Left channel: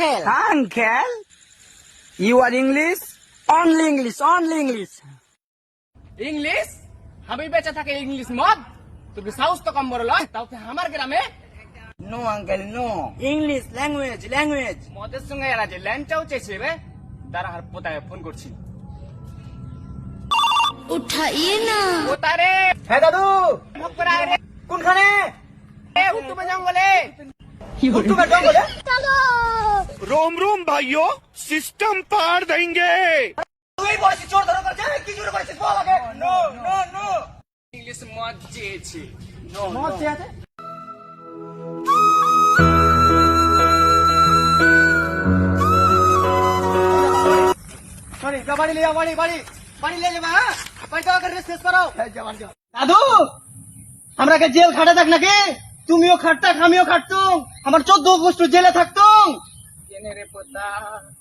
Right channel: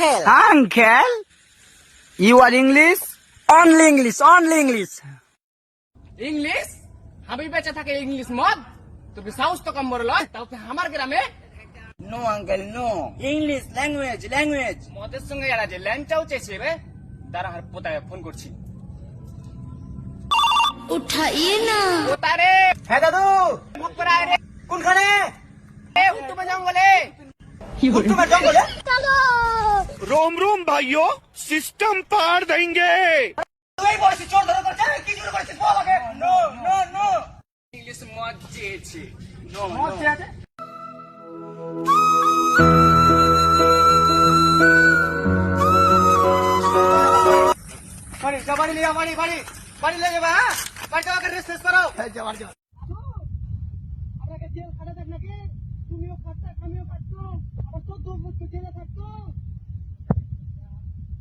uncle. Uncle? You are English? Only English, only English. English আমি বেঁচে থাকে English মদ তুমি সাহস তো কম বড় লয় তাও কি আমার গ্রামে No, uncle, no. English, language. মদের সঙ্গে এরা যে ল্যাংচাও চেয়েছে রে তারা আর পোতায় ফোন করছি उठाइए ना। পোতারে হ্যাঁ দাদু, মুখ করে আয় রে কোনখানে? উত্তমে জঙ্গলে তোমার জঙ্গলে? रोम रोम भाइयों सिस्टम पार देंगे। তুই বলছিস চোর ধরে করছে, কি জন্য করছিস বল আগে। No, no, no. ইংলিশ মদ চেয়েছে নো মদ চেয়েছে? বাড়ি যা, বাড়ি লিয়া, বাড়ি লিয়ে যাবা, হ্যাঁ? বাড়ি যাওয়া করে শেষ করো। দাদু, আমরা কে জেল খাটে থাক নাকি? তুমিও খাটতাক, আমিও খাটতুম। আমার 14 গোষ্ঠ জেলে থাকতুম। কেনে রে পোতা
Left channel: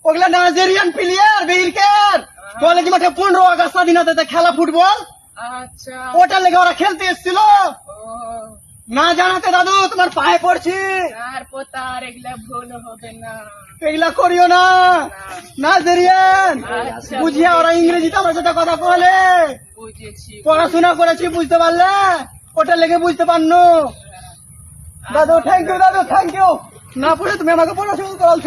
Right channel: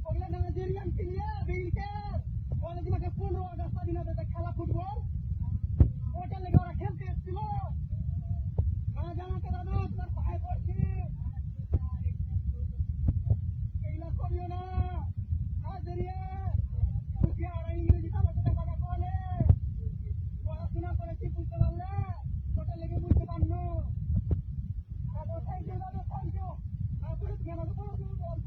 ওগুলা নাইজেরিয়ান প্লেয়ার, বেইরকার। কলেজ মাঠে 15 আগস্ট স্বাধীনতাতে খেলা ফুটবল, আচ্ছা ওটার লেগে ওরা খেলতে এসেছিল। ও না জানাতে দাদু তোমার পায়ে পড়ছি, আর পোতা আর এগুলা ভুল হবে না এগুলা করিও না। নাইজেরিয়ান আচ্ছা। বুঝিয়া ওরা ইংরেজিতে আমার সাথে কথা বলে। বুঝেছি পড়াশোনা করেছি, বুঝতে পারলে, ওটার লেগে বুঝতে পারনো। দাদু থ্যাংক ইউ, দাদু থ্যাংক ইউ। না পড়ে তুমি আমাকে পড়াশোনা করাল।